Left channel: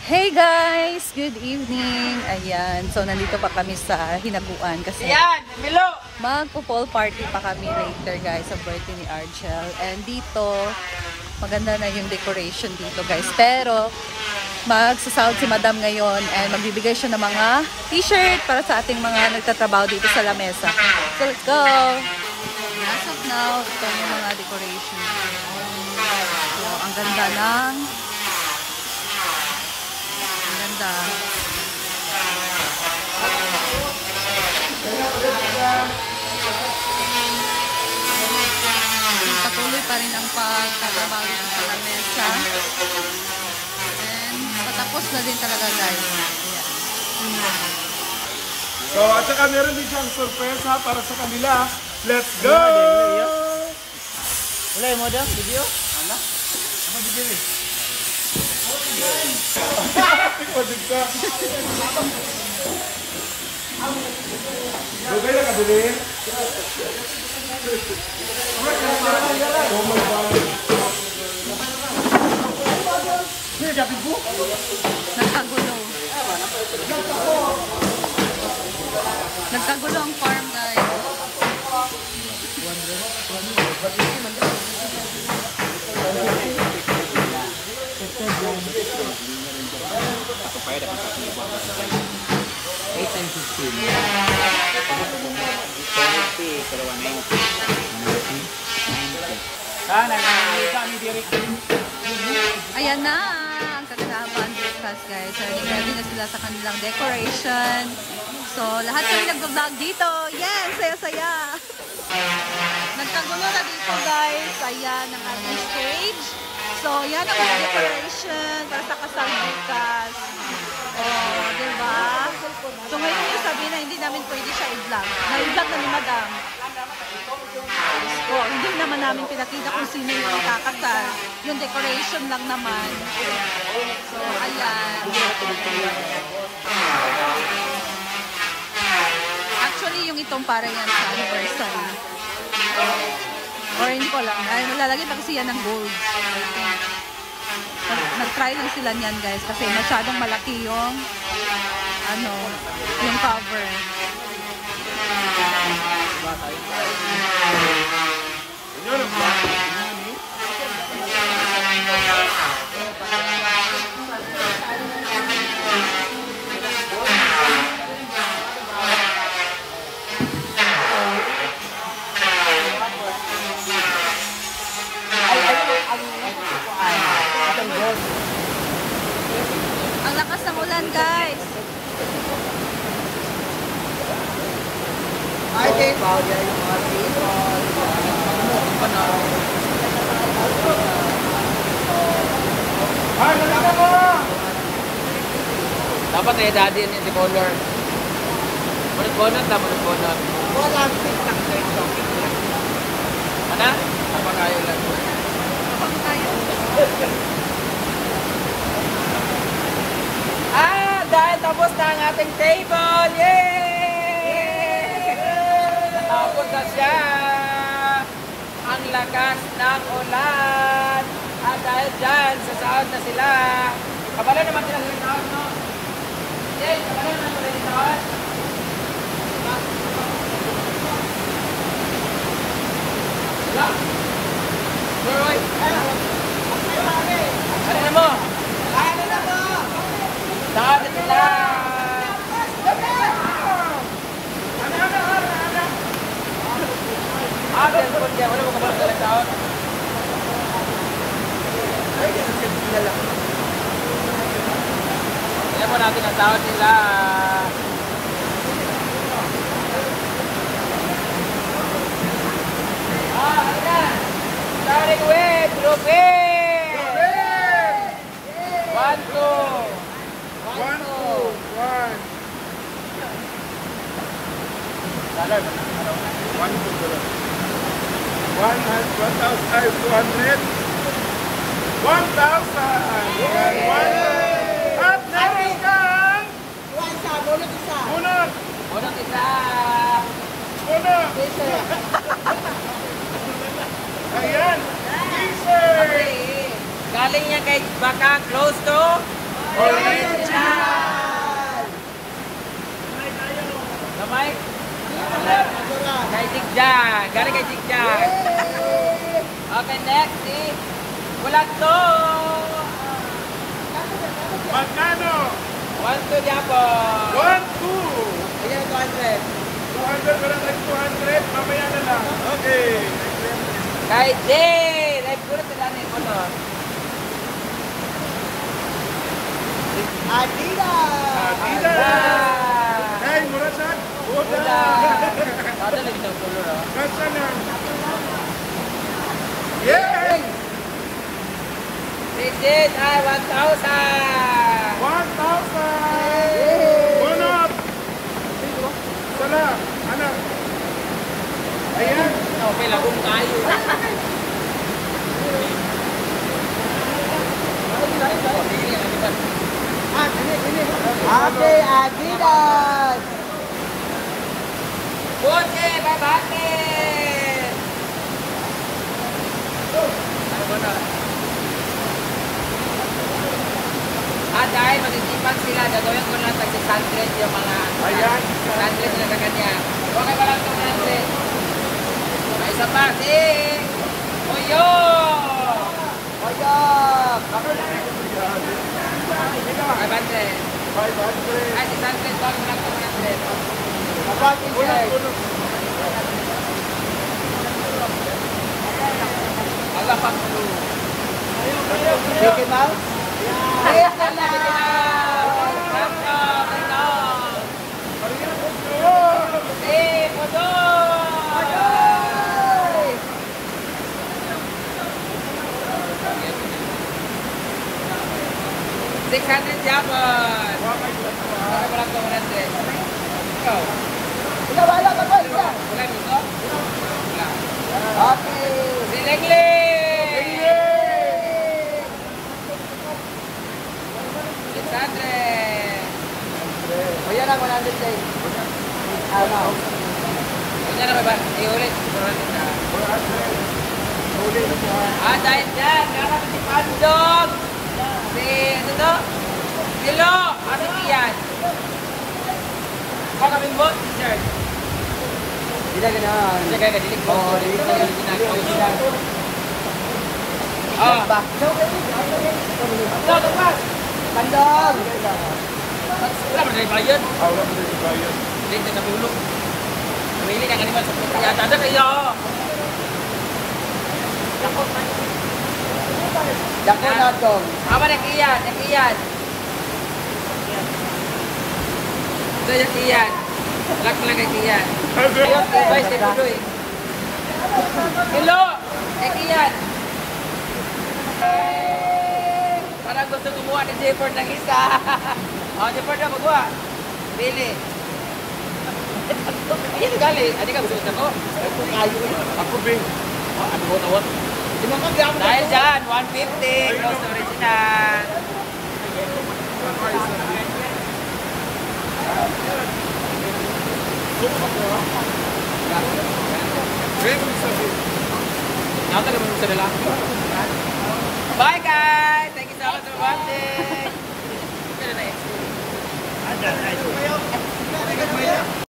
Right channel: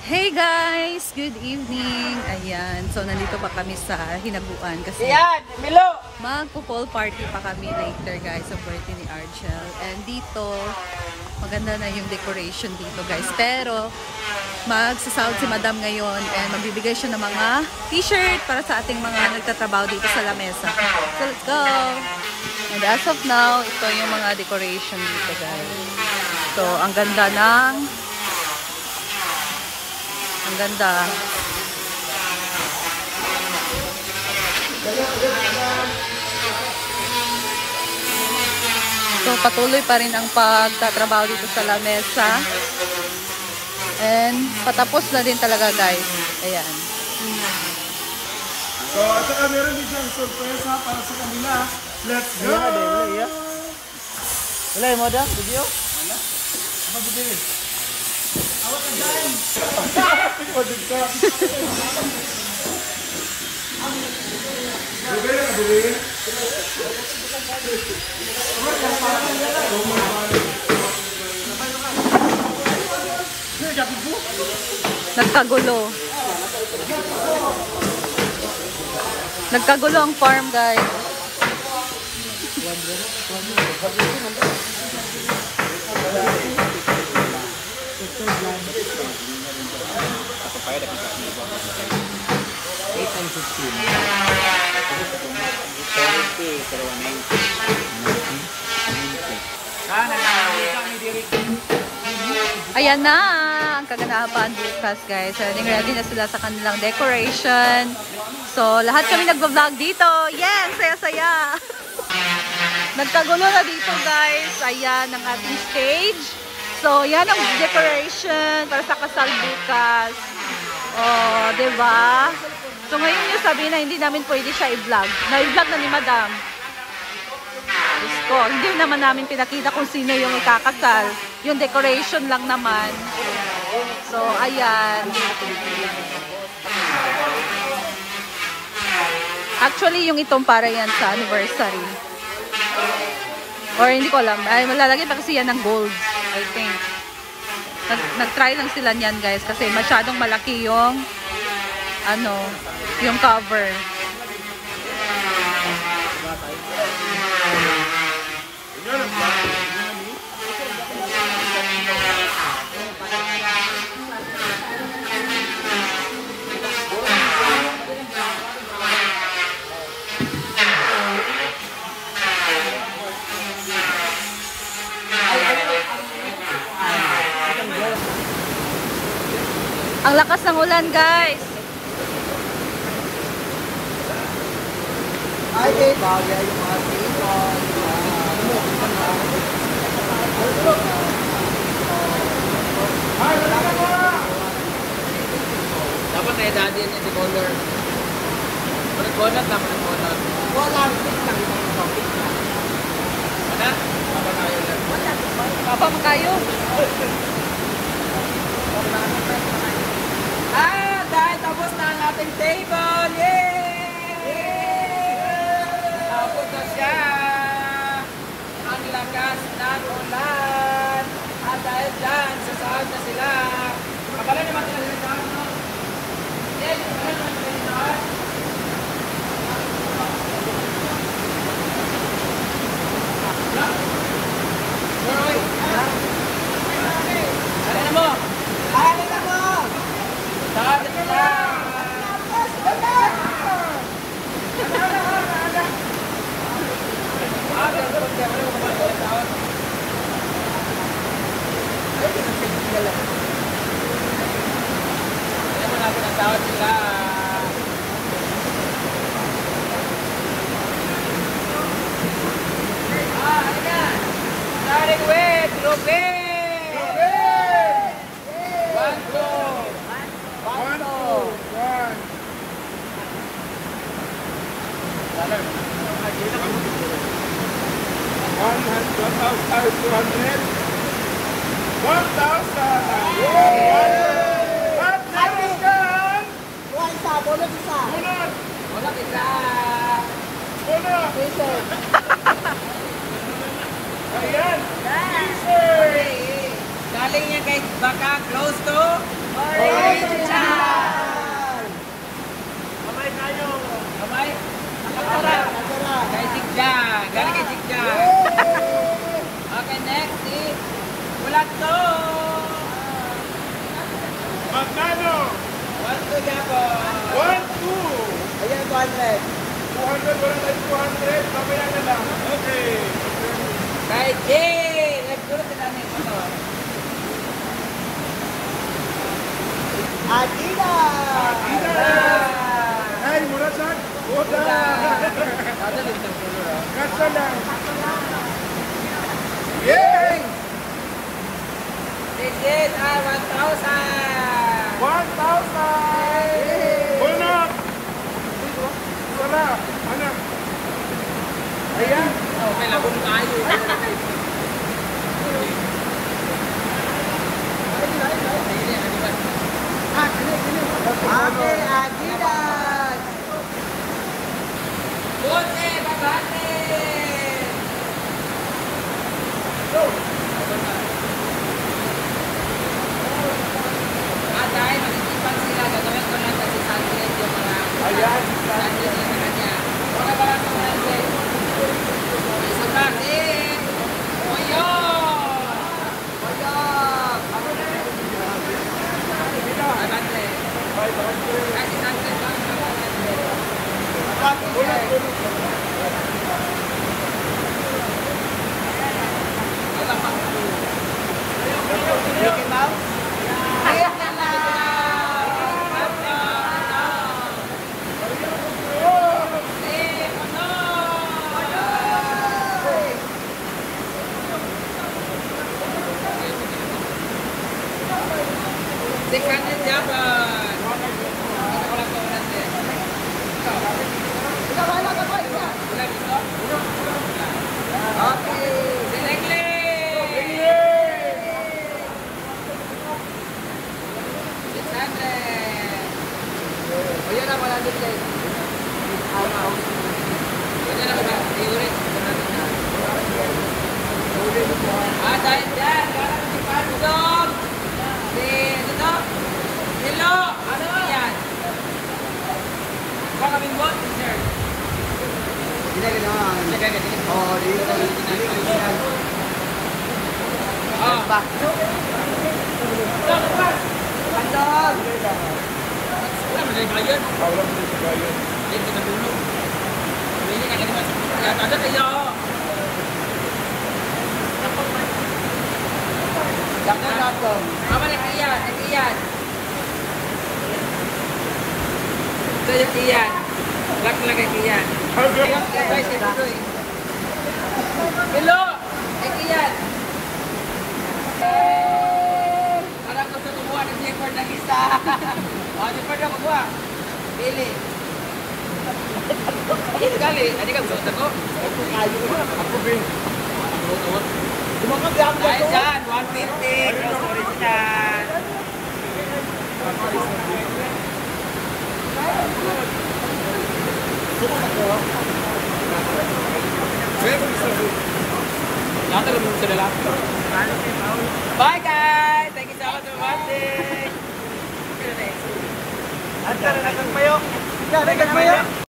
Hey guys! Good evening! Ayan, so nandito pa kami sa Hinaguan kasi magpo-pool party pa kami later guys sa birthday ni Argel. And dito, maganda na yung decoration dito guys. Pero, magsasahod si Madam ngayon and magbibigay siya ng mga t-shirt para sa ating mga nagtatrabaho dito sa lamesa. So let's go! And as of now, ito yung mga decoration dito guys. So, ang ganda ng ganda. So, patuloy pa rin ang pagtatrabaho dito sa lamesa. And, patapos na din talaga, guys. Ayan. So, at saka meron din siyang sorpresa para sa kanila. Let's go! Wala yung moda? Video? Wala? Apa bibili? Nagkagulo. Nagkagulo ang farm, guys. Ayan na ang kaganapan bukas guys. Ready na sila sa kanilang decoration. So lahat kami nagvo-vlog dito. Yes! Saya-saya! Nagkagulo na dito guys. Ayan ang ating stage. So yan ang decoration para sa kasal bukas. Oh, diba? So ngayon yung sabihin na hindi namin pwede siya i-vlog. Na-i-vlog na ni Madam. So, hindi naman namin pinakita kung sino yung ikakasal. Yung decoration lang naman. So, ayan. Actually, yung itong para yan sa anniversary. Or hindi ko alam. Ay, malalagay pa kasi yan ng gold. I think. Nag-try lang sila niyan guys. Kasi masyadong malaki yung yung cover. Ang lakas ng ulan, guys. Ay, bagay yung mga table. Ay, wala ka mo! Dapat na edadin yung decolor. Decolor, dapat decolor. Wala, stick lang ito. Mana? Dapat kayo lang. Dapat kayo. Dahil tapos na ang ating table! Yay! Natapos na siya! Ang lakas ng ulan! At dahil dyan, sasahod na sila! Kabalay naman sila sa sahod, no? Yes, kabalay naman sila sa sahod! Wala? Roy! Ano na mo? Ano na mo? Sahod na sila! Wala mo kabalay sila sa sahod? Kaya mo natin ang tawad sila. Ano na? Starting with Ruben! 1, 2. 1, 2, 1. Dollar ba na? 1,000! At meron kang bunot! Bunot isa! Bunot! Ayan! T-shirt! Galing yan kay Baka, close to Orleans! Magkano? 1-2 Japon. 1, 2. Ayan, 200. 200, wala tayong 200. Mamaya na lang. Okay. Kay Jay! Live ko na sila na yung ano. Adidas! Adidas! Ay, murasan. Oda! Ada na itong color, oh. Kasa lang. Yay! Digit ay 1,000! 1,000! Bunot! Sala, anak. Ayan. Okay, labong tayo. Okay, Adidas! Bote, babate! Dahil mag-isipan sila, gagawin ko na pag-100 yung mga Ayan. 100 yung mga niya. Okay ba lang ito natin? May isa pa, Oyo! Oyo! Ako na yung bigyan. Sila. 500. 500. Ay, 600 ba? 500. Bunot, bunot. Wala pang blue. Take it out? Yes, yan lang ito na. Dekanan Japon. Wala ko lang ito natin. Ikaw. Ikaw, wala ka ba? Wala dito? Okay. Dilengli! Ayan ang 100 days. Ayan na ba? I-orange. Dahil dyan, karang si Pandong. Ano to? Hello! Ano yan? Baka kaming bot, t-shirt. Dilagay na. Dilagay ka, dilig mo. Oh. Pandong! Wala mo na bayad. Wala mo na bayad. Hindi ka natulog. Pamili na kanima sa puto. Ada kayo. Jangan langsung. Apa nak iyan? Nak iyan. Ito yung iyan. Lak lang kay iyan. Ayun, guys, kay Pudoy. Hello! Kay iyan. Parang gusto kumuha ng Jefford ng isa. Jefford na kumuha. Pili. Ayan gali. Ano ka gusto ko? Ako kayo. Ako bin. Ano? Dahil dyan, 150. Close original. Bye guys! Thank you so much for watching.